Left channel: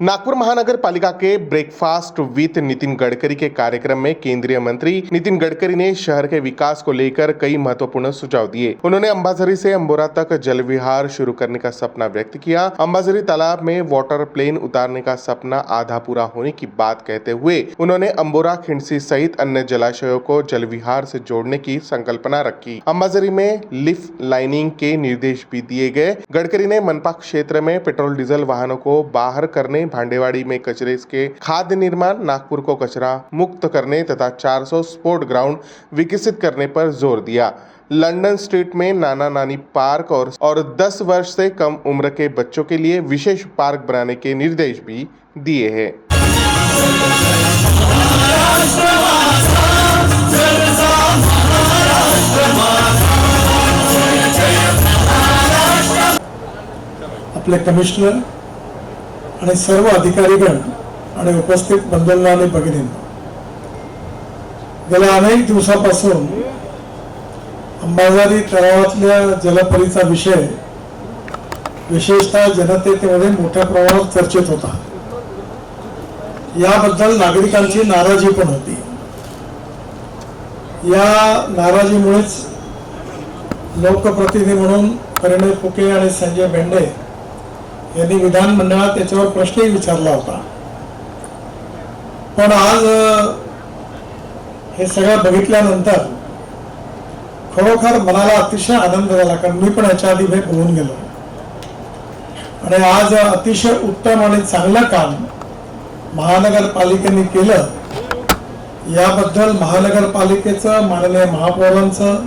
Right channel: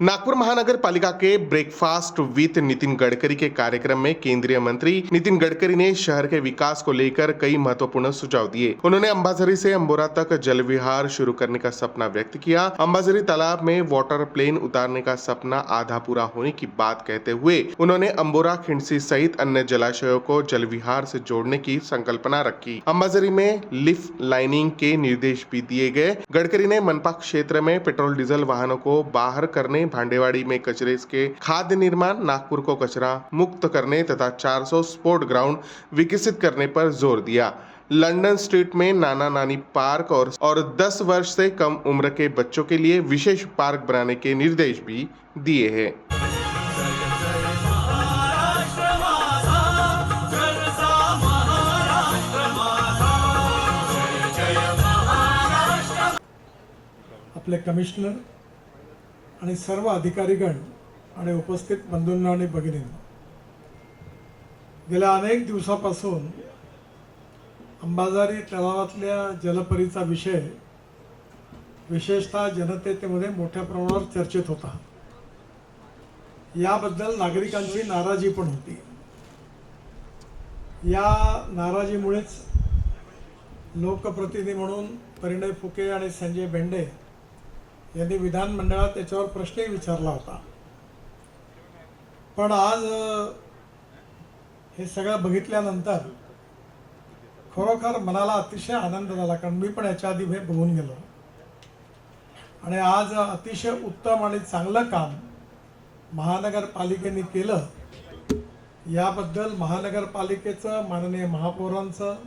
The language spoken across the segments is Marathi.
नागपुर महानगर पालिका के ब्रेकफास्ट विद नितिन गडकरी के कार्यक्रम में केंद्रीय मंत्री नितिन गडकरी ने शहर के विकास को लेकर कई महत्वपूर्ण सुझाव दिए। उन्होंने अंबाझरी से अंबोरा तक जल विहार शुरू करने का सपना व्यक्त किया। अंबाझरी तालाब में वाटर प्लेन उतारने का सपना आधा पूरा होने की बात कहते हुए उन्होंने अंबोरा, खिंडसी सहित अन्य जलाशयों को जल विहार से जोड़ने की संकल्पना रखी। अंबाझरी में लिफ्ट लाइनिंग के निर्देश भी दिए गए। गडकरी ने मनपा क्षेत्र में पेट्रोल डीजल वाहनों को बाहर करने, भांडेवाड़ी में कचरे के खाद्य निर्माण, नागपुर को कचरा मुक्त करने तथा 400 स्पोर्ट ग्राउंड विकसित करने पर जोर दिया। लंदन स्ट्रीट में नाना नानी पार्क और 10 वर्ष से कम उम्र के बच्चों के लिए विशेष पार्क बनाने के निर्देश भी दिए हैं। अपने कमिशनर आणि सर्व अधिकारीगण आणि उपस्थित बंधूंना आणि भगिनींना, गेल्या अनेक दिवसापासून अंबाझरी तलावातल्या जलपरीचा विषय विशेषतः जनतेमध्ये मोठ्या प्रमाणात चर्चेत होता। याबद्दल नागरिकांची नाराजी पण होती। या नाराजीमुळेच लोकप्रतिनिधी म्हणून परिणय फुके आणि संजय बेंडे यांनी विधानमंडळात त्याच्यावर प्रश्नही विचारला होता। पण आज हे सगळं बघितल्यानंतर खरोखर मनाला अतिशय आनंद झाला, कारण मी पण याच्या आधी हे बोलून गेलो आणि आज अतिशय उत्तम आणि चांगलं काम महानगरपालिकेने केलं। याबद्दल महानगरपालिकेचं, माननीय महापौरांचं,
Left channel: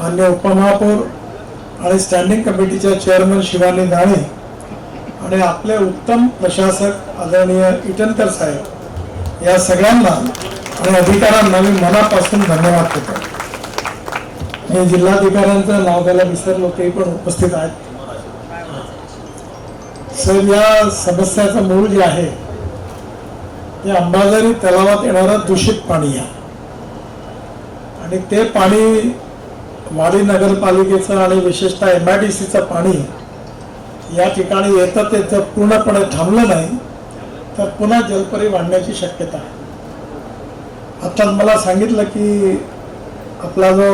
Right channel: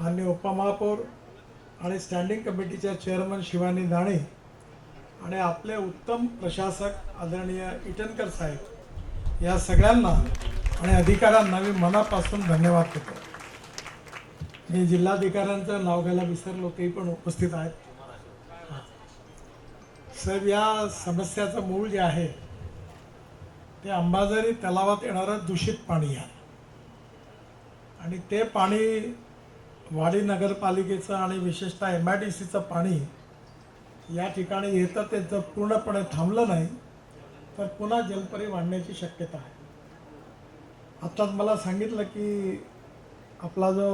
माननीय उपमहापौर आणि स्टँडिंग कमिटीच्या चेअरमन शिवानी दाणे आणि आपले उत्तम प्रशासक आदरणीय इटनकर साहेब या सगळ्यांना आणि अधिकाऱ्यांना मी मनापासून धन्यवाद देतो। मी जिल्हाधिकाऱ्यांचं नाव घ्यायला विसरलो, ते पण उपस्थित आहेत। सर, या समस्याचं मूळ जे आहे ते अंबाझरी तलावात येणारं दूषित पाणी आहे आणि ते पाणी वाडी नगरपालिकेचं आणि विशेषतः MIDCचं पाणी या ठिकाणी येतं, ते जर पूर्णपणे थांबलं नाही तर पुन्हा जलपरी वाढण्याची शक्यता आहे। आता मला सांगितलं की आपला जो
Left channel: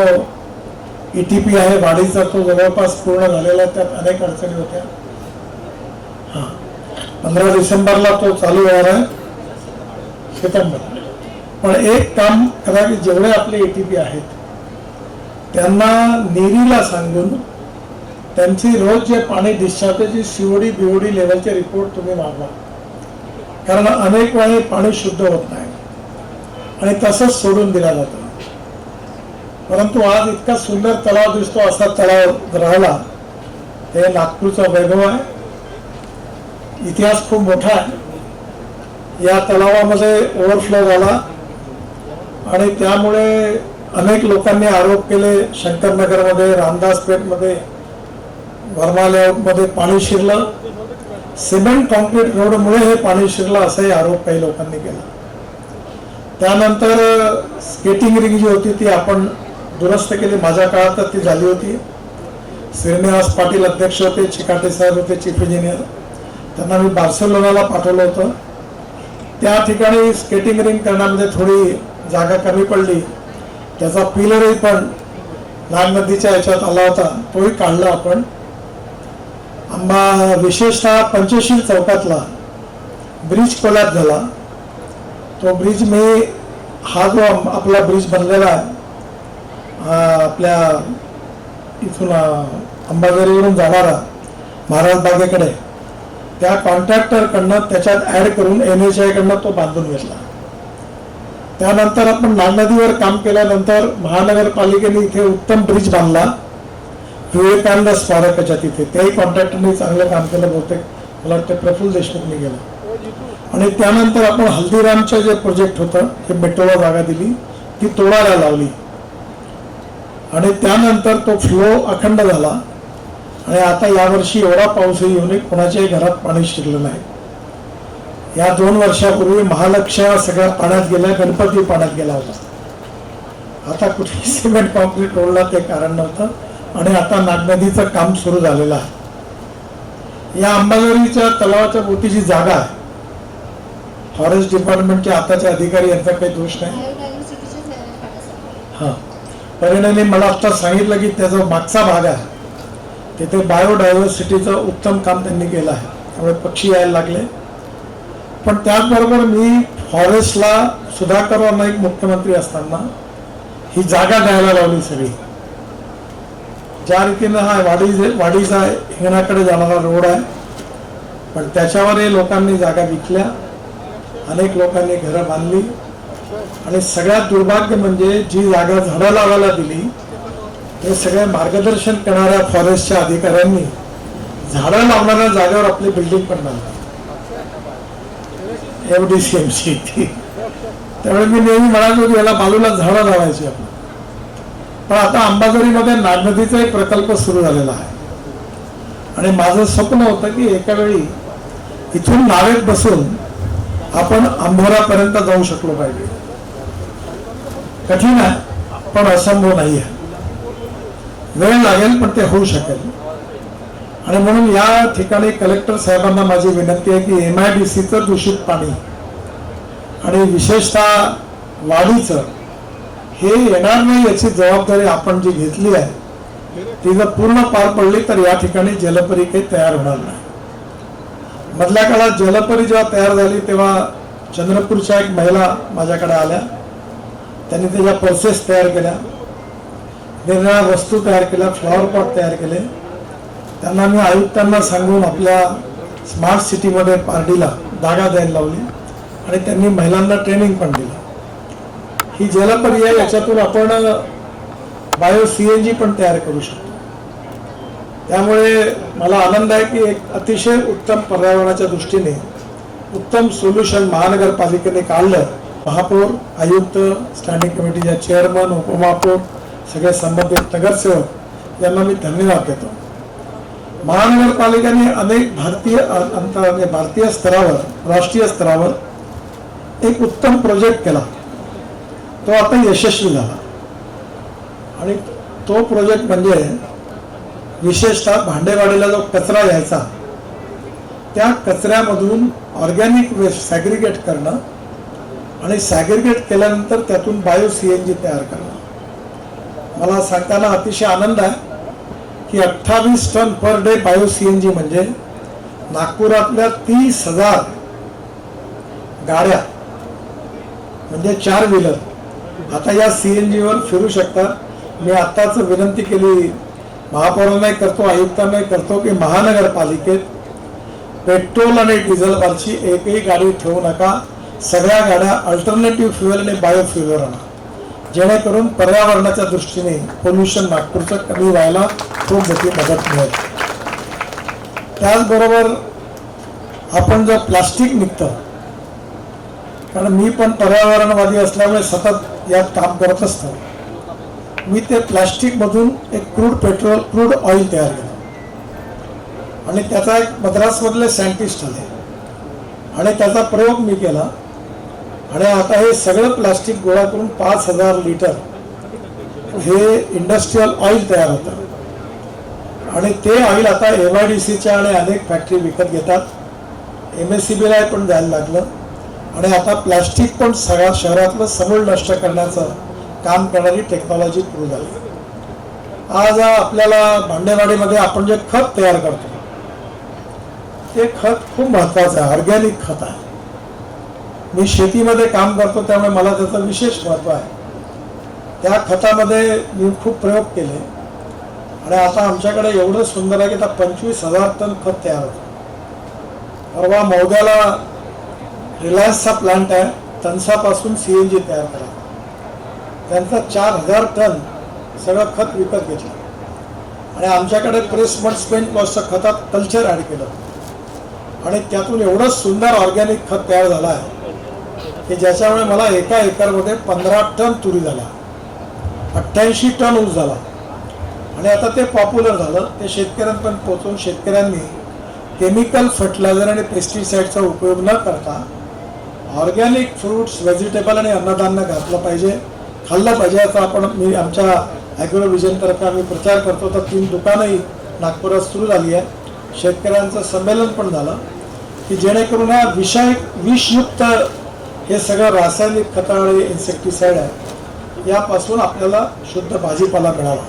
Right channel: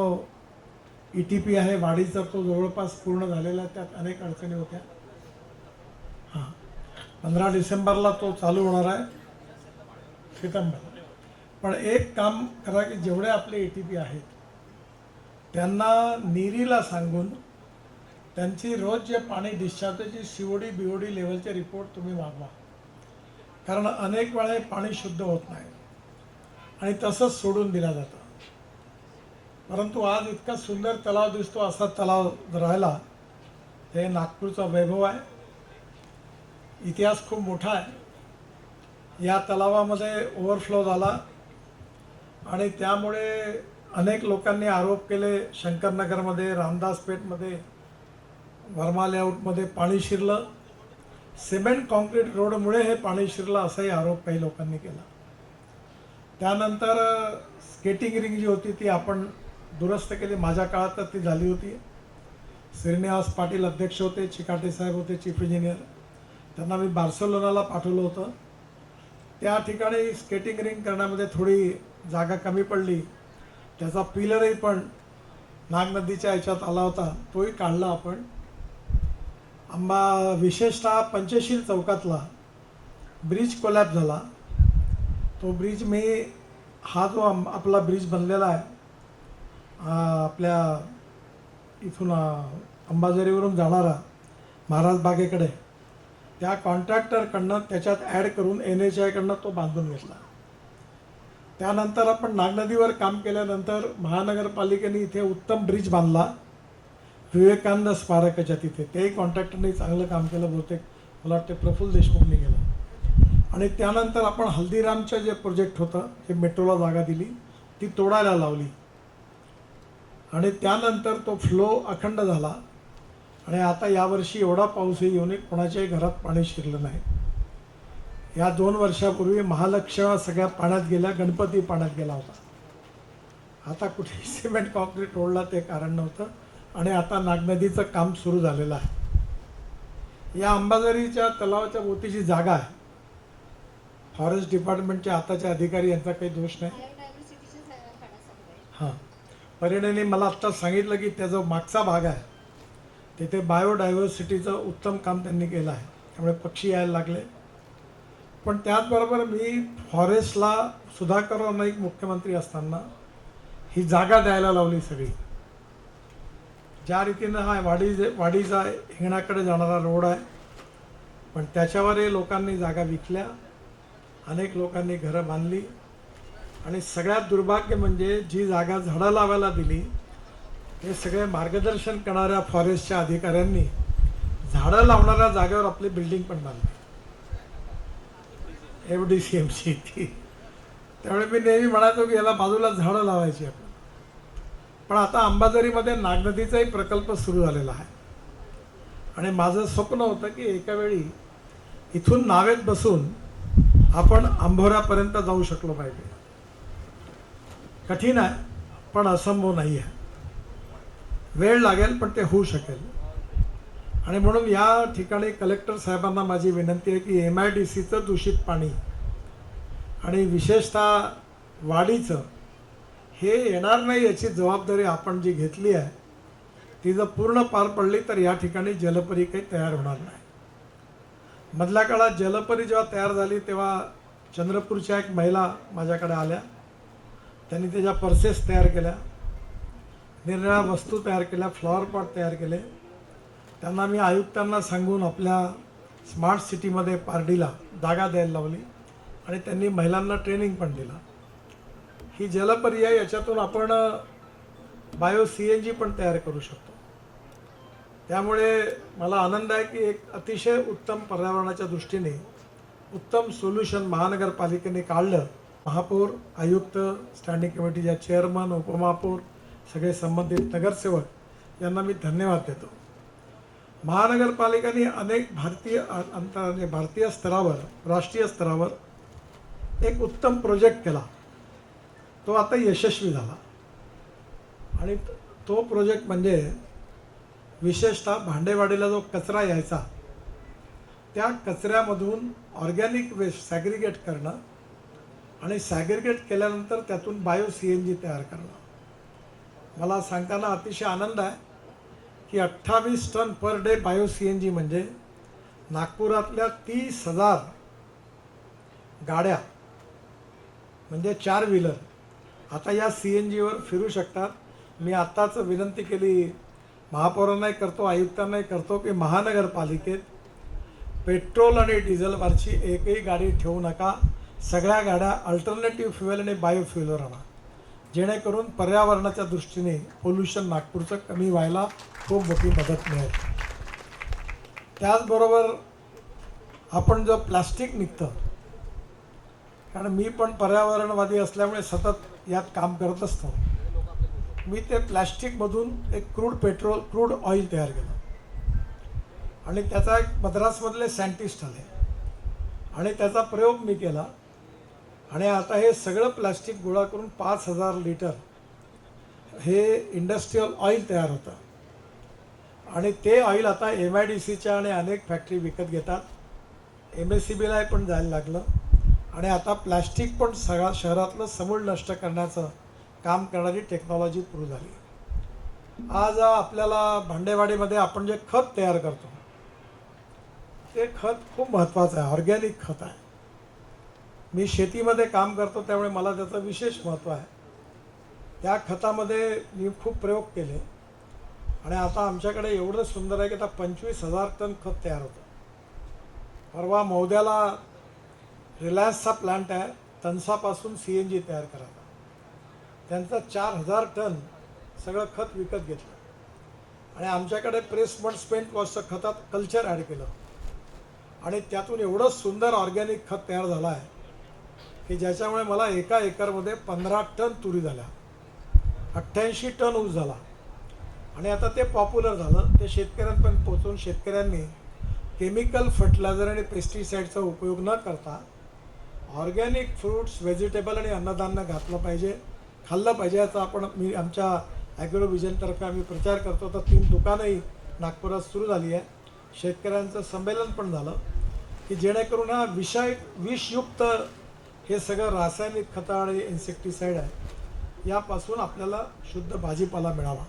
ETP आहे वाडीचा, तो जवळपास पूर्ण झालेला, त्यात अनेक अडचणी होत्या। 15 डिसेंबरला तो चालू होणार आहे, सितंबर। पण एक काम करा की जेवढे आपले ETP आहेत त्यांना नेरीला सांगून त्यांची रोज जे पाणी डिस्चार्जची COD BOD लेवलचे रिपोर्ट तुम्ही मागवा, कारण अनेक वेळी पाणी शुद्ध होत नाही आणि तसंच सोडून दिला जातं। परंतु आज इतका सुंदर तलाव दिसतो, असा तलाव राहिला हे नागपूरचा वैभव आहे। इतिहास खूप मोठा आहे। या तलावामध्ये ओव्हरफ्लो झाला आणि त्यामुळे अनेक लोकांनी आरोप केले, शंकरनगरमध्ये, रामदासपेठमध्ये, वर्मा लेआउटमध्ये पाणी शिरलं, सिमेंट कॉन्क्रीट रोडमुळे हे पाणी शिरलं, असाही आरोप काही लोकांनी केला। त्यानंतर स्केटिंग रिंग जी होती ती आपण दुरुस्त केली, माझ्या काळात तर ती झाली होती। श्रीनिवास पाटील अध्यक्ष होते, चिकाटे साहेब होते चीफ इंजिनियर, त्यांना मी बार्सिलोनाला पाठवलं होतं। त्या ठिकाणी स्केटिंग रिंग करण्यामध्ये थोडी जागा कमी पडली, त्याचा पिलरही पण नाग नदीच्या याच्यात आला होता, तोही काढला आपण। विशेषतः पंचशील चौकातला ब्रिज कोलॅप्स झाला, तो ब्रिज मी हा जो आपला ब्रिज बनलेला आहे आपल्या इथून अंबाझरीवरून जाणारा महाराज बागेकडे, त्या कॉन्ट्रॅक्टरकडनं त्याच्यात ऍड करून NHAI कडनं तो बांधून घेतला। त्यानंतर आपण नाग नदीवर काम केल्यानंतर महानगरपालिकेने इथे उत्तम ब्रिज बांधला विवेकानंद स्मारकाच्या तिथे, त्याही कॉन्ट्रॅक्टरने चांगलं काम केलं, बहुतेक मला वाटतं प्रफुल्ल देशमुखने गेलं। आणि त्यानंतर आपण हल्दीरामचं जे प्रोजेक्ट होतं ते मेट्रोला जागा दिली, ती तोडायला लावली आणि त्यानंतर तो फ्लो अखंड झाला आणि आता यावर्षी एवढा पाऊसही येऊन कोणाच्याही घरात पाणी शिरलं नाही। या 2 वर्षापूर्वी महालक्ष्या सगळ्या पाण्यात गेल्या, गणपती पाण्यात गेला होता। आता कुठे सिमेंट कॉन्क्रीट रोडला ते कारण नव्हतं आणि आता नाग नदीचं काम सुरू झालेलं आहे। या अंबाझरीच्या तलावाच्या भोवतीची जागा आहे फॉरेस्ट डिपार्टमेंटचे आताचे अधिकारी यांचा काही दोष नाही. हां, परिणामी मला आत्ता सांगितलं की त्याचा मागचा भाग आहे तिथे बायोडायव्हर्सिटीचं उत्तम काम त्यांनी केलं आहे, त्यामुळे पक्षी यायला लागले. पण त्याचबरोबर मी फॉरेस्टला सुधाकर नाईक मुख्यमंत्री असताना ही जागा द्यायला लावली सगळी. ज्या रीतीनं हा वाडीचा हिंगणाकडे जाणारा रोड आहे, पण त्याच्यावरही लोकांनी जागा विकल्या, अनेक लोकांनी घरं बांधली. आणि सगळ्यात दुर्भाग्य म्हणजे जी जागा झाडं लावायला दिली ते सगळे मार्गदर्शन करणाऱ्या फॉरेस्टच्या अधिकाऱ्यांनी झाडं लावणाऱ्या जागेवर आपली बिल्डिंग पण बांधली, एवढी सीएमसी ती. त्यामुळे मी नेहमी म्हणालो की याला बाजूला झाडं लावायची आपण. पण आता अंबाझरीमध्ये नागनदीचा एक प्रकल्प सुरू झालेला आहे आणि माझं स्वप्न होतं की एका वेळी इथून नावेत बसून आपण अंभोरापर्यंत जाऊ शकलो पाहिजे. कठीण आहे पण असंभव नाही आहे, वेळ लागेल पण ते होऊ शकेल. आणि म्हणून या ठिकाणी कलेक्टर साहेबांना माझी विनंती आहे की MIDCचं दूषित पाणी आणि विशेषतः वाढीचं हे येणार नाही याची जबाबदारी आपण जी घेतली आहे ती जर पूर्ण पार पडली तर या ठिकाणी जलपरी काही तयार होणार नाही. मधल्या काळात जलपरी जेव्हा तयार झाली तेव्हा चंद्रपूरच्या एक महिला माझ्याकडे आल्या, त्यांनी त्याच्या पर्सेस तयार केल्या, वेगवेगळ्या वस्तू तयार केल्या, फ्लॉवर पॉट तयार केले. त्यांना मी आयुक्तांना सांगून आपल्या स्मार्ट सिटीमध्ये पार्टीला जागा द्यायला लावली आणि त्यांनी महिलांना ट्रेनिंग पण दिलं. ही जलपरी आहे, याच्यातून आपण बायो CNG पण तयार करू शकतो. त्यामुळे मला आनंद आहे की एक अतिशय उत्तम पर्यावरणाच्या दृष्टीने उत्तम सोल्युशन महानगरपालिकेने काढलं. महापौर, आयुक्त, स्टँडिंग कमिटीच्या चेअरमन, उपमहापौर, सगळे संबंधित नगरसेवक यांना मी धन्यवाद देतो. महानगरपालिकेने अनेक भारतीय स्तरावर, राष्ट्रीय स्तरावर एक उत्तम प्रोजेक्ट केला, तो आता यशस्वी झाला. आणि तो प्रोजेक्ट म्हणजे विशेषतः भांडेवाडीला जो कचरा यायचा त्या कचऱ्यामधून ऑर्गॅनिक वेस्ट सॅग्रिगेट करणं आणि सॅग्रिगेट केल्यानंतर त्यातून बायो CNG तयार करणं. मला सांगताना अतिशय आनंद आहे की 28 ton per day bio CNG म्हणजे नागपुरातल्या 30,000 गाड्या म्हणजे 4 व्हीलर आता या CNG वर फिरू शकतात. मी आत्ताच विनंती केली महापौरांनाही करतो, आयुक्तांनाही करतो की महानगरपालिकेत पेट्रोल आणि डिझेलवरची एकही गाडी ठेवू नका, सगळ्या गाड्या अल्टरनेटिव्ह फ्युएल आणि बायो फ्युएलवर आणा, जेणेकरून पर्यावरणाच्या दृष्टीने पोल्युशन नागपूरचं कमी व्हायला खूप मोठी मदत मिळेल. त्याचबरोबर आपण जर प्लास्टिक निघतं, कारण मी पण पर्यावरणवादी असल्यामुळे सतत यात काम करत असतो, मी ते प्लास्टिकमधून एक क्रूड ऑइल तयार केलं आणि त्याचा एक मद्रासमधले सायंटिस्ट आले आणि त्याचा प्रयोग मी केला आणि आता हे सगळं प्लास्टिक गोळा करून 5,000 लिटर हे इंडस्ट्रीयल ऑइल तयार होतं आणि ते ऑइल आता MIDCच्या आणि अनेक फॅक्टरी विकत घेतात. MSCBला पण द्यायला लागलं आणि आता प्लास्टिक पण सगळ्या शहरातलं समूळ नष्ट करण्याचं काम करणारी टेक्नॉलॉजी सुरू झाली. आज आपल्याला भांडेवाडीमध्ये आपण जे खत तयार करतो ते खत खूप महत्वाचं आहे, ऑर्गॅनिक खत आहे. मी शेतीमध्ये काम करतो त्यामुळे मला त्याचं विशेष महत्व आहे. त्या खतामध्ये मी खूप प्रयोग केले आणि आता आमच्याकडे एवढं सुंदर आहे की आता 25,000 टन खत तयार होतं. परवा मौद्याला रिलायन्सचा प्लांट आहे, तनसापासून CNG तयार करा, त्यांचा 4,000 टन सगळं खत विकत घेतलं आणि आमच्याकडे प्रेसमड स्पेंट लॉसचं खतात कल्चर ॲड केलं आणि त्यातून एवढं सुंदर ऑर्गॅनिक खत तयार झालं आहे की ज्याच्यामुळे मला एका एकरमध्ये 15 टन तुरी झाला, 88 टन ऊस झाला आणि आता ते पॉप्युलर झालं. ते शेतकऱ्यांपर्यंत पोहोचून शेतकऱ्यांनी केमिकल फर्टिलायझर आणि पेस्टिसाइडचा उपयोग न करता ऑर्गॅनिक फ्रूट्स, व्हेजिटेबल आणि अन्नधान्य घातलं पाहिजे, खाल्लं पाहिजे. याचा मी आमच्या ॲग्रो विजनतर्फे आम्ही प्रचार करतो. तर 3 दुकानंही नागपुरात सुरू झाली आहे, शेतकऱ्यांचं संमेलन पण झालं की जेणेकरून हा विषयुक्त हे सगळं रासायनिक खतावळी इन्सेक्टिसाइड आहे यापासून आपल्याला शुद्ध भाजीपाला मिळावा.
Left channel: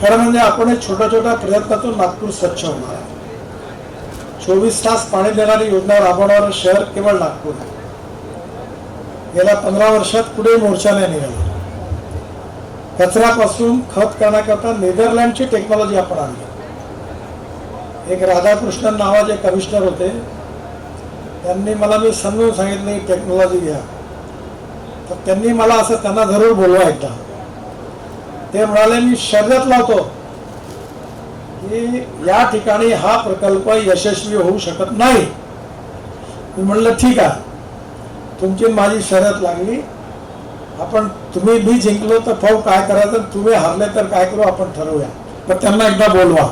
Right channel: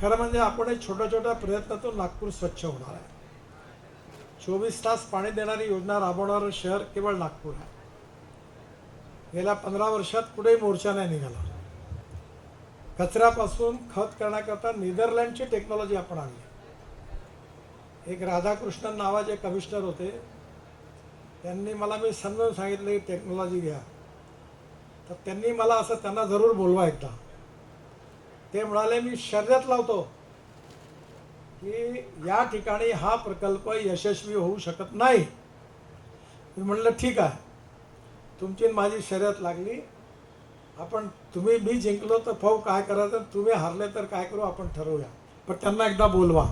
खरं म्हणजे आपण एक छोट्या छोट्या प्रयत्नातून नागपूर स्वच्छ होणार आहे. 24 तास पाणी देणारी योजना राबवणारं शहर केवळ नागपूर आहे. गेल्या 15 वर्षात कुठे मोर्चा नाही निघाला. कचऱ्यापासून खत करण्याकरता नेदरलँडची टेक्नॉलॉजी आपण आणली. एक राधाकृष्णन नावाचे कमिशनर होते, त्यांनी मला मी समजून सांगितलं ही टेक्नॉलॉजी घ्या. तर त्यांनी मला असं त्यांना जरूर बोलवा एकदा. ते म्हणाले मी शर्यत लावतो की या ठिकाणी हा प्रकल्प यशस्वी होऊ शकत नाही. मी म्हणलं ठीक आहे, तुमची माझी शर्यत लागली. तुम्ही मी जिंकलो तर भाऊ काय करायचं, तुम्ही हारले तर काय करू आपण ठरवूया. तर त्यांना एकदा बोलवा.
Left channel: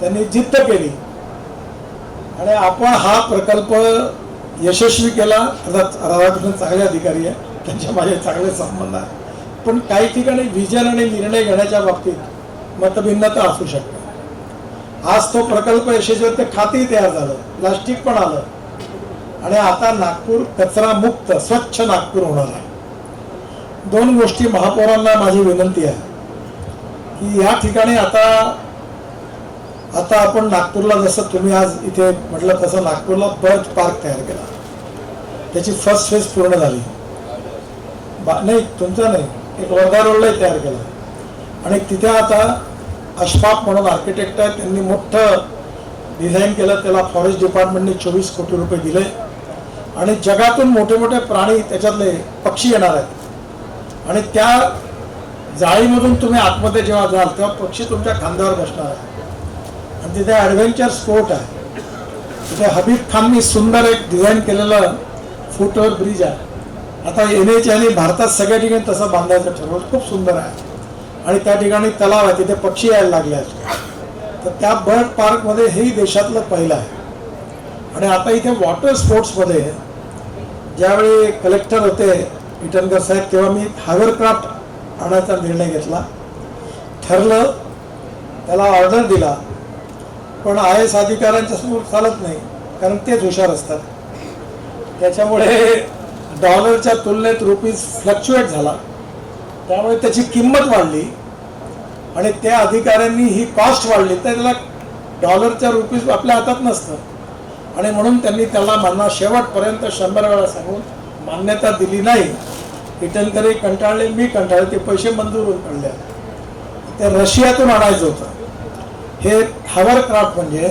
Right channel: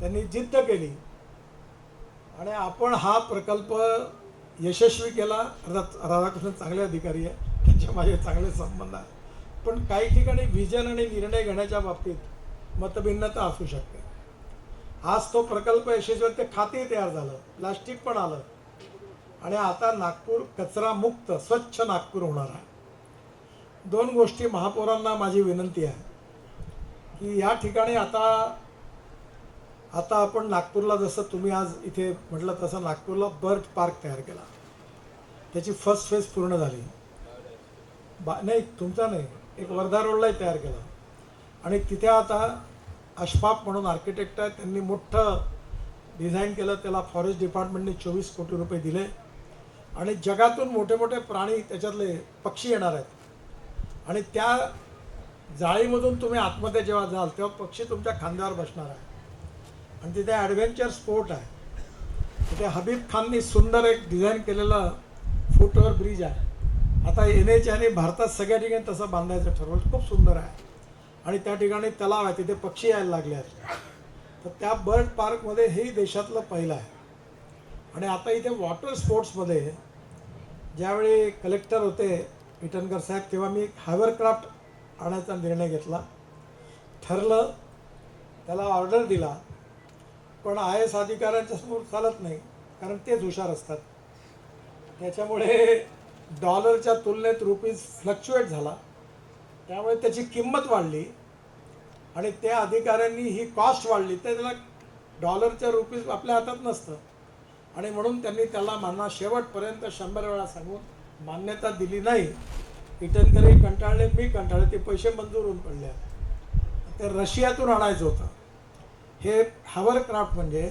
त्यांनी जिद्द केली आणि आपण हा प्रकल्प यशस्वी केला. राधाकृष्णन चांगले अधिकारी आहे, त्यांच्या माझे चांगले संबंध आहे, पण काही ठिकाणी विजन आणि निर्णय घेण्याच्या बाबतीत मतभिन्नता असू शकते. आज तो प्रकल्प यशस्वी ते खातही तयार झालं, प्लास्टिक पण आलं आणि आता नागपूर कचरा मुक्त स्वच्छ नागपूर होणार आहे. 2 गोष्टी महापौरांना माझी विनंती आहे की या ठिकाणी आता आपण नागपूरला जसं तुम्ही आज इथे म्हटलं तसं नागपूरला बर्थ पार्क तयार केला. त्याची फर्स्ट फेज पूर्ण झाली. नाही तुमचा नाही, एक वर्धा रोडलाही तयार केला आणि तिथे आता अशफाक म्हणून आर्किटेक्ट आहे, त्यांनी मोठं डिझाईन केलं. त्याला फॉरेस्ट डिपार्टमेंटने 24 कोटी रुपये दिले आणि जगातून मोठे मोठे प्राणी त्याच्यातले पक्षी येणार आहेत आणि त्या जाळीमधून तुम्ही आतमध्ये जेव्हा जाल तेव्हा पक्षी तुमच्या खांद्यावर बसणार आहे. आणि तिथे ॲडव्हेंचर स्पोर्ट आहे. तिथे हबीब खाननी सुंदर एक डिझाईन केलेलं फुटओव्हर ब्रिज आहे. आता NHAने भारतात सगळ्या ठिकाणी तसं बांधायचं ठरवलं. खूप सुंदर आहे आणि त्या ठिकाणी तलाव आहे, तिथे पक्षी यायला लागले आहेत. तर त्या बर्ड पार्कमध्ये हेही देशातलं पहिलं आहे. आणि आता इथे वॉटर स्पोर्ट्समध्ये ज्यावेळी कलेक्टर होते इटनकर साहेब, तेव्हा मी हायवरक्राफ्ट आणायचा निर्णय घेतला. ठरलं, त्याला ऑर्डर दिला, पण IAS अधिकाऱ्यांच्या समोर चालत नाही, कारण तेच हुशार असतात. त्याच्यामुळे डॉलरच्या तुलनेत रुपीज फ्लक्च्युएट झाला, त्यामुळे त्याची किंमत वाढली आणि त्या अधिकाऱ्यांनी ही कॉस्ट वाढली. तर त्याला डॉलरच्या रुपीज आपल्या हातात नसतं आणि म्हणून त्यांनी त्याला म्हणा शेवटपर्यंत 100 वेळा सांगून मान्यता दिली नाही. इटनकरही कंटाळले, मी कंटाळले. ते पैसे मंजूर होऊन पडले. ते रशियातून आणायचं होतं. हे हायवरक्राफ्ट म्हणजे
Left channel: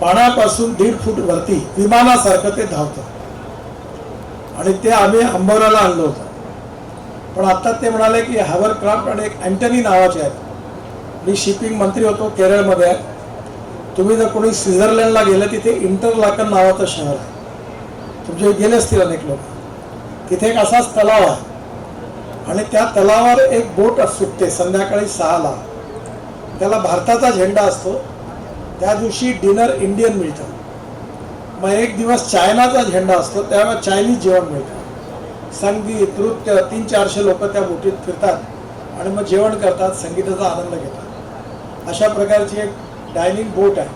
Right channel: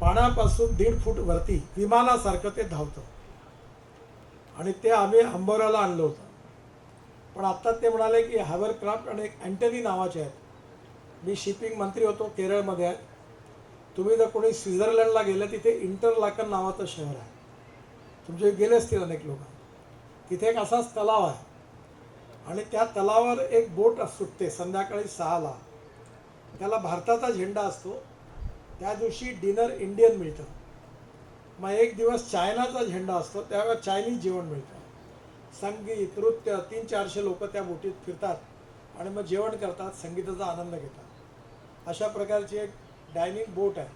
पाण्यापासून 1.5 फूट वरती विमानासारखं ते धावतं आणि ते आम्ही अंबोराला आणलं होतं. पण आता ते म्हणाले की हायवरक्राफ्ट आणि एक अँटनी नावाचे आहेत. मी शिपिंग मंत्री होतो, केरळमध्ये आहे. तुम्ही जर कोणी स्वित्झर्लंडला गेलं, तिथे इंटरलाकन नावाचं शहर आहे, तुमचे गेले असतील अनेक लोक. तिथे एक असाच तलाव आहे आणि त्या तलावावर एक बोट सुटते संध्याकाळी 6ला. त्याला भारताचा झेंडा असतो. त्या दिवशी डिनर इंडियन मिळतं. मग एक दिवस चायनाचा झेंडा असतो, त्यावेळेला चायनीज जेवण मिळतं. संगीत नृत्य 300-400 लोक त्या बोटीत फिरतात आणि मग जेवण करतात, संगीताचा आनंद घेतात. अशा प्रकारची एक डायनिंग बोट आहे.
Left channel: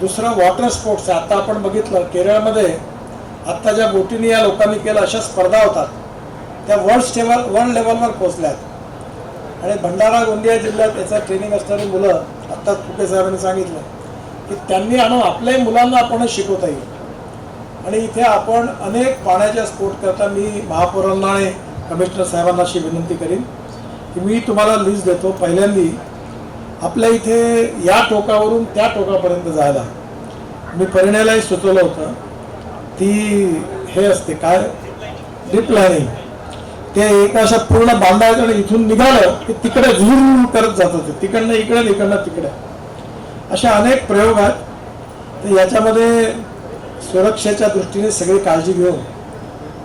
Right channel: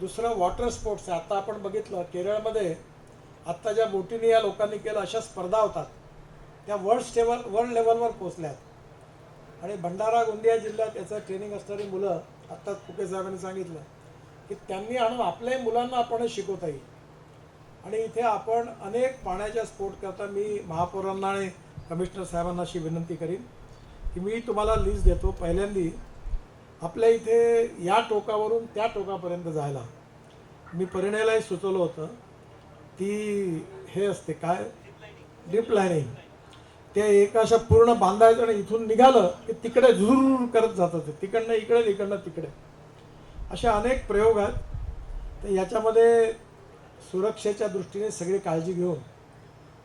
दुसरं वॉटर स्पोर्ट्स आहे. आता आपण बघितलं केरळमध्ये आत्ता ज्या बोटीने या लोकांनी केलं, अशा स्पर्धा होतात, त्या वर्ल्ड लेवलवर पोहोचल्यात. आणि भंडारा गोंदिया जिल्ह्यात याचं ट्रेनिंग असणारी मुलं, आत्ता फुके साहेबांनी सांगितलं की त्यांनी आणून आपल्याही मुलांना आपणच शिकवता येईल. आणि इथे आपण अनेक पाण्याच्या स्पोर्ट करता मी महापौरांना आणि कमिशनर साहेबांना अशी विनंती करीन की मी तुम्हाला लिस्ट देतो. पहिल्यांदी आपल्या इथे या टोकावरून त्या टोकापर्यंत जायला मी परिणयालाही सुचवलं होतं. ती हे असते काय डिप लाईनिंग, ते एक अशा पूर्ण बांधायचं आणि इथून निघालं की तिकडे झूर करत जात होते, तिकडनं इकडे इकडनं तिकडे. अशा अनेक प्रयोग आहेत. तर याच्यामध्ये सुरक्षेच्या दृष्टीने सगळी काळजी घेऊन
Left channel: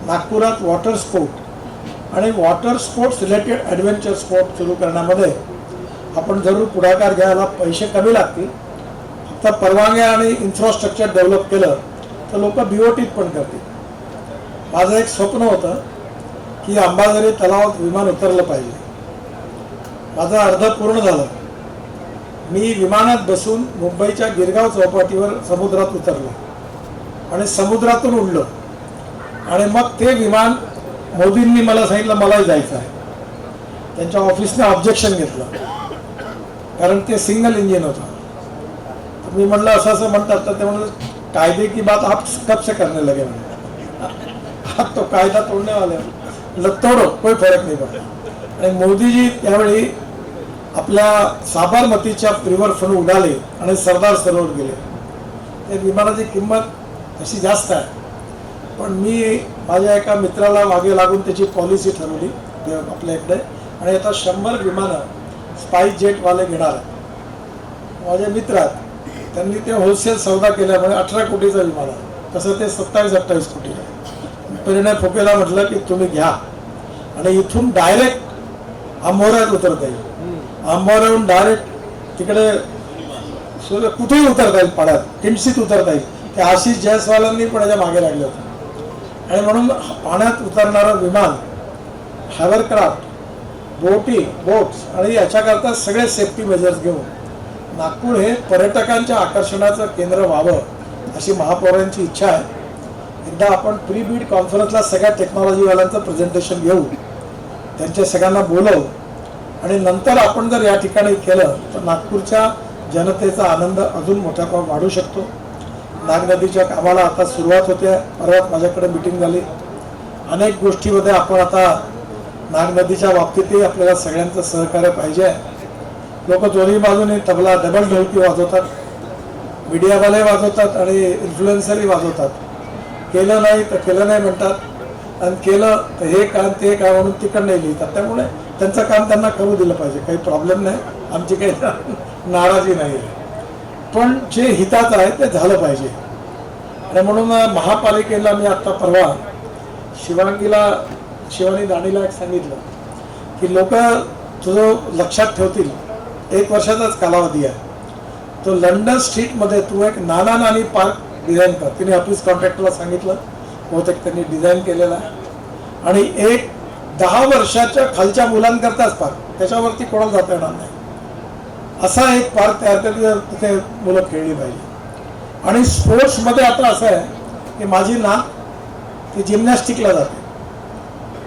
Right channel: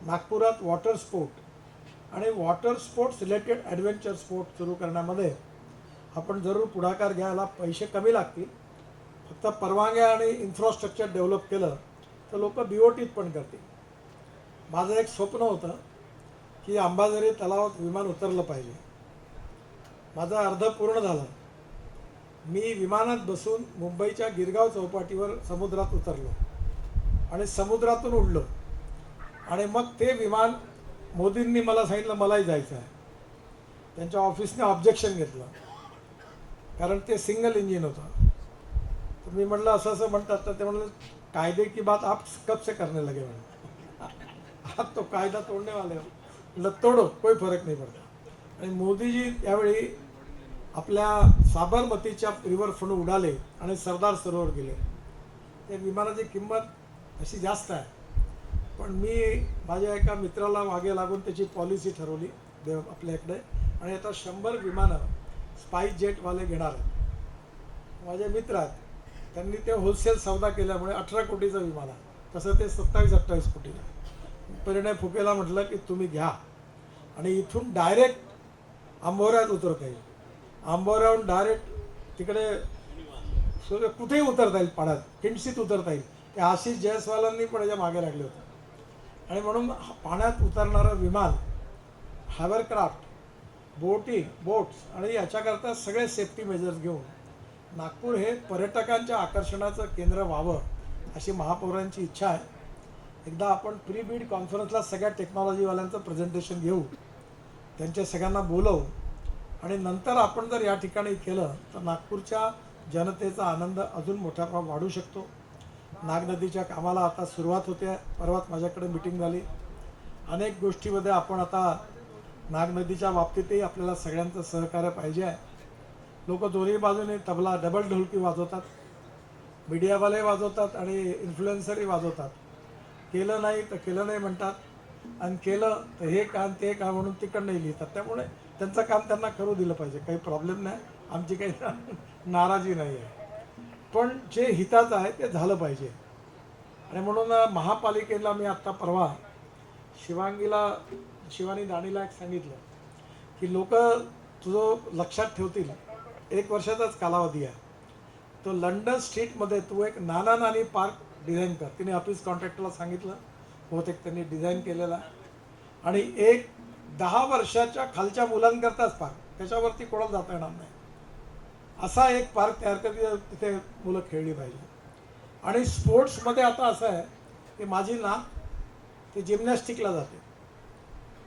नागपुरात वॉटर स्पोर्ट आणि water sports related adventure sport सुरू करण्यामध्ये आपण जरूर पुढाकार घ्यायला. पैसे कमी लागतील, फक्त परवानग्या आणि इन्फ्रास्ट्रक्चर डेव्हलप केलं तर लोक BOTत पण करतील. माझं एक स्वप्न होतं की अंबाझरी तलावात विमान उतरलं पाहिजे. माझं अर्ध पूर्ण झालं. मी विमानात बसून मुंबईच्या गिरगाव चौपाटीवर समुद्रात उतरलो. आणि समुद्रातून उडलं आणि मग ते विमान मोदींनी मला सांगितलं मलाही जायचं आहे. त्यांच्या ऑफिसने ऑब्जेक्शन घेतलं कारण ते सिंगल इंजिन होतं. तर मी म्हटलं असं असं म्हणतात तर ते म्हणलं कायदे की बात आप कब से करने लगे म्हणे. तो कायदा तोडने वाले मतलब तोडो कोई फरक नाही पडला. आणि मोदीजी त्यावेळी आपल्या साबरमतीच्या रिव्हरफ्रंट उडाले आणि सरदार सरोवर गेले. त्या विमानाची किंमत तशी जास्त आहे पण मी माझ्या एका मित्राला मागे लागून त्याची पॉलिसी ठरवली आपल्या इकडे आणि आता 100 विमानं स्पाइस जेटवाले घेणार आहेत. माझे मित्र आहेत त्यांनी ते होलसेल सौदा केल्यामुळे 18 कोटीचं विमान आहे. तसं ते 27-28 कोटी आहे. परिणय फुकेला म्हटलं की तुम्ही घ्या आणि इथून डायरेक्ट आंबोऱ्यात उतरता येईल. आंबोऱ्याहून डायरेक्ट तिकडे कुठेही उतरता येईल. पाण्यात किमसीत उतरता येईल. ते आशिष जयस्वालांनी पण याच्या मागे लागले होते आणि म्हणून पाण्यात उतरणारं विमान हॅवरक्राफ्ट बोट्स आणि याच्याकरता सगळे सेफ्टी मेजर्स घेऊन नागपूर हे पर्यटकांच्या आकर्षणाचं केंद्र व्हावं अशी महापौरांची इच्छा आहे. एकदा आपण प्री बीड कॉन्फरन्सला सगळ्या टेक्नॉलॉजीवाल्यांचं प्रेझेंटेशन घेऊ त्यांच्या सगळ्यांना बोलवू आणि नंतर आपण जर या ठिकाणी केलं तर नागपूरच्या जनतेचा आनंद अजून मोठ्या प्रमाणात वाढू शकतो. नाग नदीच्या कामाला आता सुरुवात होते. परवा माझ्याकडे मीटिंग झाली. अनेक गोष्टीमध्ये आपण आता नाग नदीच्या बाबतीतही आपल्याला सगळ्यांचं सहकार्य पाहिजे. लोक दोन्ही बाजूने तबला डबल ढोलकी वाजवतात. मीडियावाले वाजवतात आणि इन्फ्लुएन्सरही वाजवतात. केलं नाही तर केलं नाही म्हणतात आणि केलं तर हे काम ते काम म्हणून तिकडं नाही लिहितात. त्यामुळे त्यांचं काम त्यांना करू दिलं पाहिजे. काही प्रॉब्लेम नाही. आमची काही नाराजी नाही आहे पण जे हिताचं आहे ते झालं पाहिजे. आणि म्हणून महापालिकेला मी आत्ता परवा शिवानी दाणीला एक सांगितलं की लोक तुझं लक्षात ठेवतील 1 वर्षाचाच कालावधी आहे. तो लंडन स्ट्रीटमध्ये तू एक नाना पार्क डिझाईन कर. तिने ऑफिस कॉन्ट्रॅक्टरला सांगितलं. बहुतेक त्यांनी डिझाईन केलेलं आहे आणि एक 10 वर्षाच्या खालच्या मुलांकरताच पार्क. त्याच्यावरती कोणाला जाता येणार नाही असा एक पार्क तयार केला. तिथे मुलं खेळली पाहिजे. आणि स्पोर्ट्समध्ये आता असं आहे की माझी नात ती जिम्नॅस्टिकला जाते.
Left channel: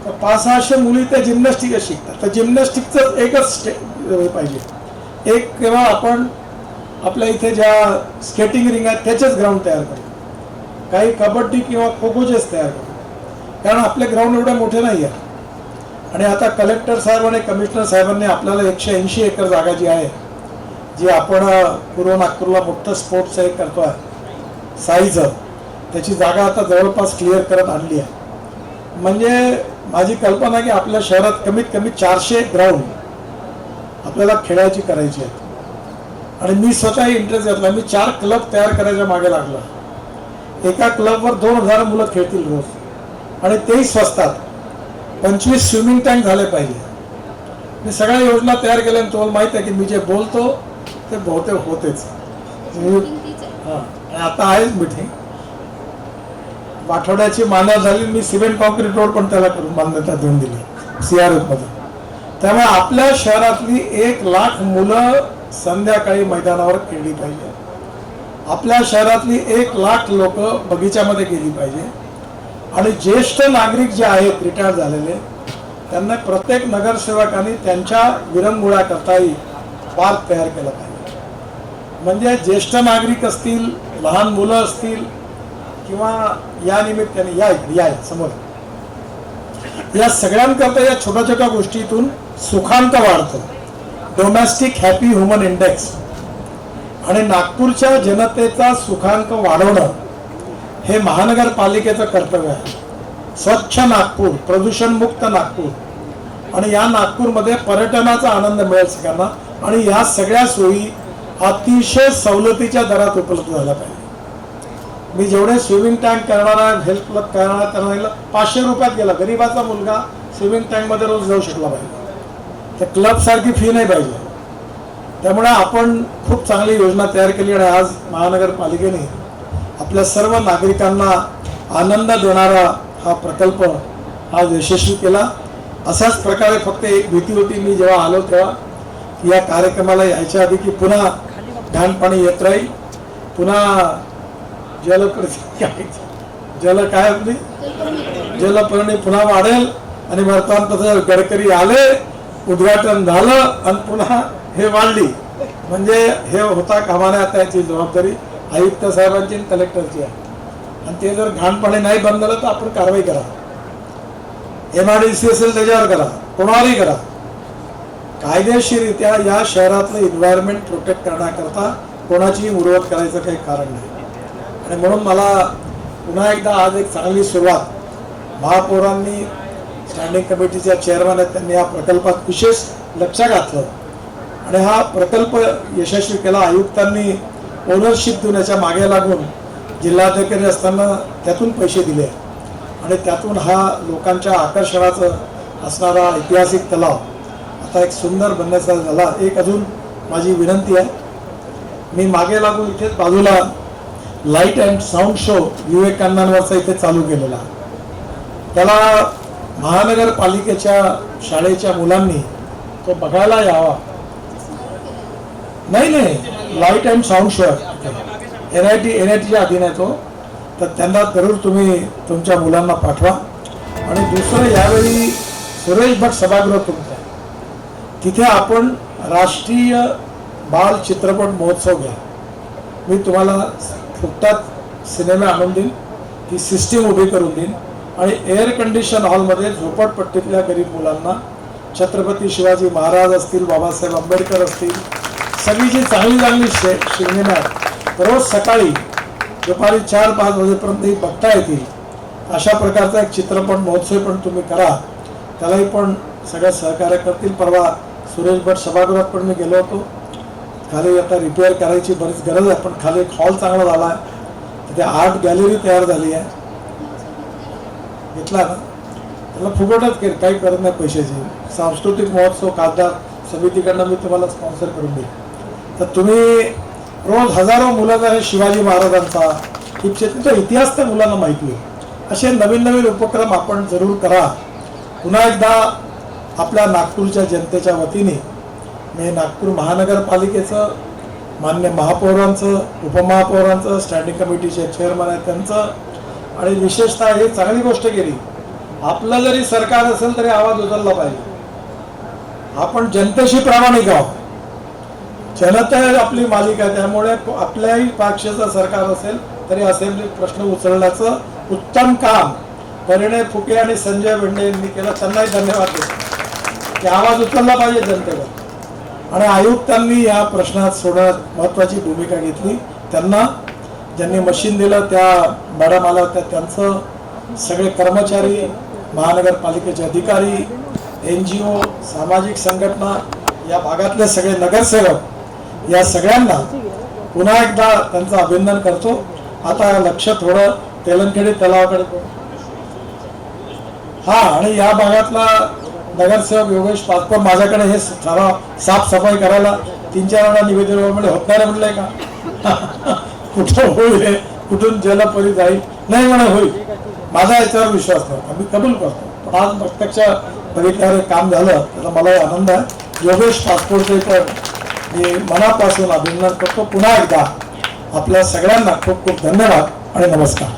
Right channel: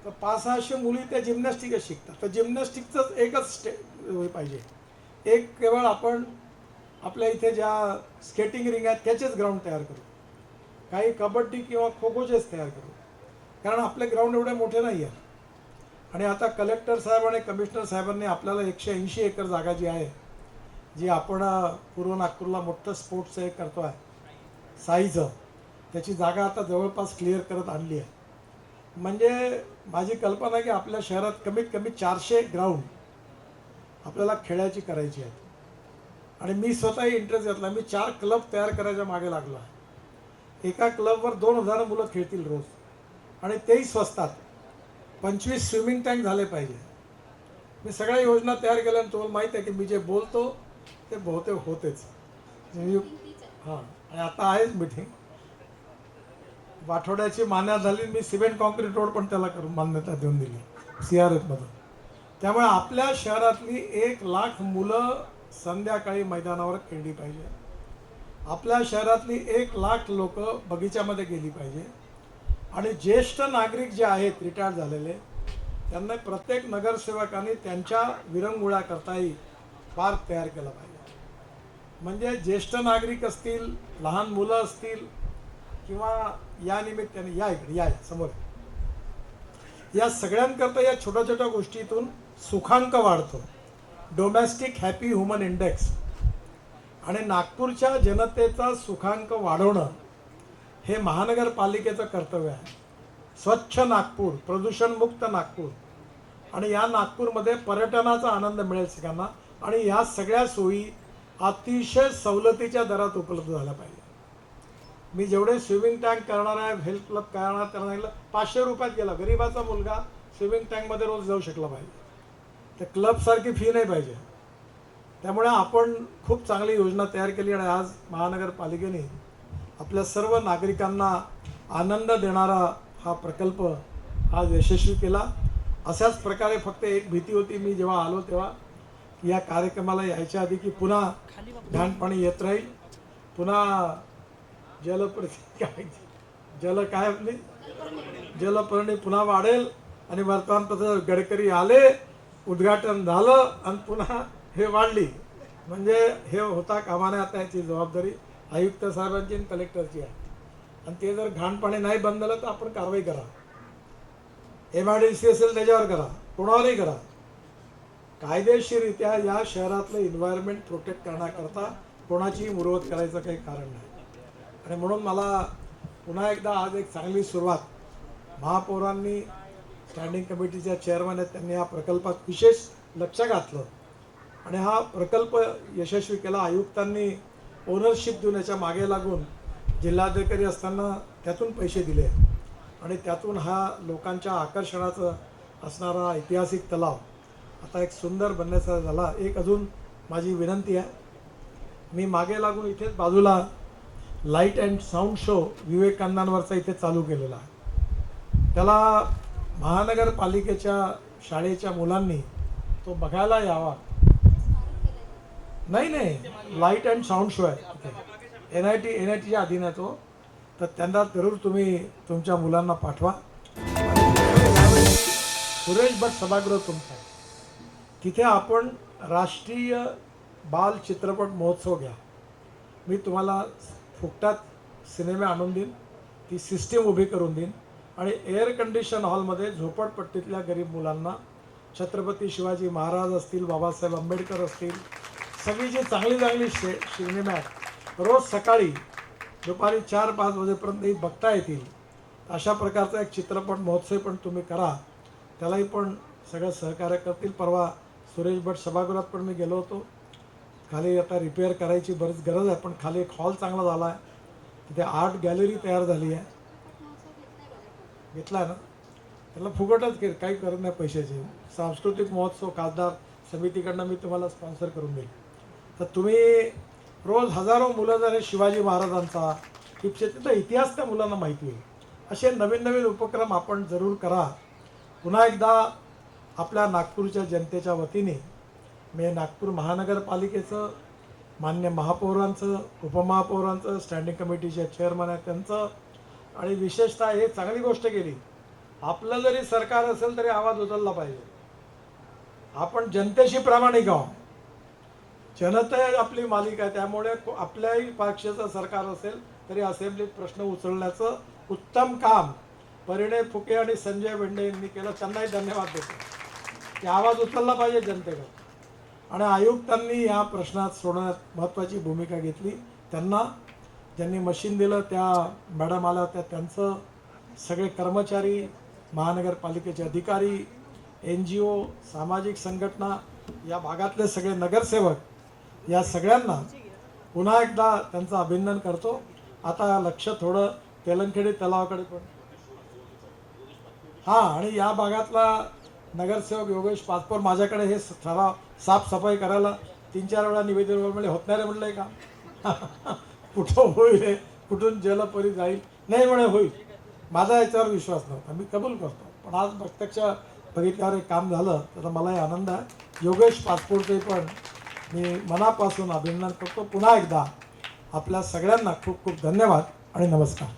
तर 500-600 मुली त्या जिम्नॅस्टिकच शिकतात. तर जिम्नॅस्टिकचं एकच पाहिजे. एक केव्हा आपण आपल्या इथे ज्या स्केटिंग रिंग आहेत त्याचेच ग्राउंड तयार करू. काही कबड्डी किंवा खो खोचेच तयार करू कारण आपले ग्राउंड एवढे मोठे नाही आहे. आणि आता कलेक्टर साहेब आणि कमिशनर साहेबांनी आपल्याला 180 एकर जागा जी आहे जी आपण पूर्व नागपूरला मोठं स्पोर्ट्स एक करतो आहे साईचं त्याची जागा आता जवळपास क्लिअर करत आणली आहे. म्हणजे माझी कल्पना आहे की आपल्या शहरात कमीत कमी 400 ग्राउंड आपल्याला खेळायची करायची आहेत. आणि मी स्वतःही इंटरेस्ट घेतला. मी 4 क्लब तयार करायच्या मागे लागला. एका क्लबवर 2000 मुलं खेळतील रोज आणि तेही स्वस्तात. 25 स्विमिंग टँक झाले पाहिजे. मी सगळ्या योजना तयार केल्या आणि तुम्हाला माहिती आहे की मी जे बोलतो ते बहुतेक होतेच. हां आता आहेच मीटिंग. आठवड्याची मान्यता झाली. मी सिमेंट कॉन्क्रीट रोड पण त्याला करून मान्यता देऊन दिली CRF मध्ये. त्यामुळे आपल्या शहरातली 1 लाख मुलं संध्याकाळी मैदानावर खेळली पाहिजे. आपल्या शहरातली 1 लाख लोक बगीच्यामध्ये गेली पाहिजे. आणि ज्येष्ठ नागरिक जे आहेत रिटायर झालेले त्यांना प्रत्येक नगरसेवकांनी त्यांच्या विरंगुळा करताही पार्क तयार केला पाहिजे. म्हणजे ज्येष्ठ नागरिक असतील लहान मुलं असतील किंवा या निमित्ताने या समोर या सगळ्यांकरता या छोट्या छोट्या गोष्टीतून सुखांत वाढतं. डोमेस्टिक हॅपी ह्युमन इंडेक्स आणि नागपूरच्या जनतेचा सुखांक वाढवणं हे महानगरपालिकेचं कर्तव्य आहे. स्वच्छ नागपूर, प्रदूषणमुक्त नागपूर आणि या नागपूरमध्ये पर्यटनाचा आनंद मिळेल सगळ्यांना आणि ह्या सगळ्या सोयी अतिशय सवलतीच्या दरात उपलब्ध झाल्या पाहिजे. मी जेवढे स्विमिंग टँक करणारा हेल्थ क्लब करणारा 500 रुपयात गेला. गरीबाचा मुलगा स्विमिंग टँकमध्ये रोज जाऊ शकला पाहिजे. तर क्लबसारखी फी नाही पाहिजे. त्यामुळे आपण खूप चांगली योजना तयार केली आणि आज महानगरपालिकेने आपल्या सर्व नागरिकांना आनंद देणारा हा प्रकल्प आज यशस्वी केला. अशाच प्रकारे फक्त एक भीती होती मी जेव्हा आलो तेव्हा या कार्यक्रमाला यायच्या आधी की पुन्हा घाणपाणी येत राहील, पुन्हा जल काय आपली जलपर्णी पुन्हा वाढेल आणि वर्तमानपत्र गडकरी आले, उद्घाटन झालं आणि पुन्हा हे वाढली. म्हणजे हे होता कामा नये. आता याची जबाबदारी आयुक्त साहेबांची आणि कलेक्टरची आहे. आणि ते जर घाणपाणी नाही बंद झालं तर आपण कारवाई करा. MIDC असेल त्याच्यावर करा, कोणावरही करा. कायदेशीररित्या या शहरातलं एन्व्हायरमेंट प्रोटेक्ट करण्याकरता कोणाचीही मुरवत करायचं काही कारण नाही. आणि म्हणून मला पुन्हा एकदा आज एक चांगली सुरुवात महापौरांनी, स्टँडिंग कमिटीच्या चेअरमन आहेत, त्यांनी या प्रकल्पात विशेष लक्ष घातलं आणि हा प्रकल्प यशस्वी केला. आयुक्तांनी ओनरशिप देऊन याच्या मागे लागून जिल्हाधिकारी असताना त्यातून पैसे दिले आणि त्यातून हा लोकांच्या आकर्षणाचं असणारा ऐतिहासिक तलाव आता एक सुंदर बनण्याचा झाला. एक अजून माझी विनंती आहे, मी मागे लागून इथेच बाजूला लाईट अँड साऊंड शो विवेकानंदांवरचा इथे चालू केलेला. त्याला महानगरपालिकेच्या शाळेच्या मुलांनी तो बघायला यावा. नाही, लाईट अँड साऊंड शो NITच्या अधीन आहे तो. तर त्यांना जरूर तुम्ही तुमच्या मुलांना पाठवा. आणि दुसरं, यावेळी सुरेश भट सभागृह तुमचं, तिथे आपण राष्ट्रीय बाल चित्रपट महोत्सव घ्या. मी तुम्हाला फुकटात सिनेमा आणून देईन, ती सिस्टीम उभी करून देईन आणि एअर कंडिशन हॉलमध्ये झोपडपट्टीतल्या गरीब मुलांना छत्रपती शिवाजी महाराज असतील, बाबासाहेब आंबेडकर असतील, सगळी जी चांगली सिनेमा आहेत रोज सकाळी दुपारी 4-5 वाजेपर्यंत बघता येतील. अशा प्रकारचा एक चित्रपट महोत्सव पण तुम्ही करा. त्यालाही पण सगळं सहकार्य करतील. परवा सुरेश भट सभागृहात पण मी गेलो होतो. खाली आता रिपेअर करायची बरीच गरज आहे, पण खाली एक हॉल चांगला झाला आहे. तिथे आर्ट गॅलरी तयार झाली आहे. घेतला ना, त्याला फुकटच केलं, काही करत नाही पैशाची. सांस्कृतिक महोत्सव खासदार समितीकडनं मी तुम्हाला स्पॉन्सर करून देईन. तर तुम्ही रोज हजारो मुलं जर शिवाजी महाराजांचा तिथचा इतिहास त्या मुलांना माहिती आहे. असे नवीन उपक्रम आपण जरूर करा. पुन्हा एकदा आपल्या नागपूरच्या जनतेच्या वतीने मी नागपूर महानगरपालिकेचं, मान्य महापौरांचं, उपमहापौरांचं, स्टँडिंग कमिटीचे चेअरमन आहेत त्यांचं, आणि विशेषतः हे चांगली गोष्ट केली, आपलं जरी सरकार असेल तरी आवाज उचलला पाहिजे. आपण जनतेशी प्रामाणिक आहोत. जनता आपली मालिका आहे. त्यामुळे आपल्याही पक्षाचं सरकार असेल तरी असेंब्लीत प्रश्न उचलण्याचं उत्तम काम परिणय फुके आणि संजय भेंडे यांनी केलं. त्यांनाही धन्यवाद देतो की आवाज उचलला पाहिजे जनतेवर. आणि आयुक्तांनी या प्रश्नात सोडवण्यात महत्त्वाची भूमिका घेतली. त्यांना ज्यांनी मशीन दिलं त्या मॅडम आल्या होत्या, त्यांचं, सगळे कर्मचारी, महानगरपालिकेचे अधिकारी, NGO, सामाजिक संघटना, या भागातले सगळे नगरसेवक, या सगळ्यांना पुन्हा एकदा त्यांचं अभिनंदन करतो. आता लक्ष थोडं तेलंखेडी तलावाकडे. हा, आणि या भागातला नगरसेवक योगेश पाचपर माझ्याकडे हे साफसफाई करायला 3-4 वेळा निवेदन म्हणजे होत नाही म्हटलंय का कुठं होईल, कुठून जलपरी जाईल, नाही म्हणा होईल. माझा याच्यावर विश्वास नाही, मी कबूल करतो. पण आज प्रत्यक्ष बघितल्यावर काम झालं त्याचा मलाही आनंद आहे. योगेश पाचपोरचे पण मी मनापासून अभिनंदन करतो. पुन्हा एकदा आपल्या सगळ्यांना खूप खूप धन्यवाद आणि नमस्कार.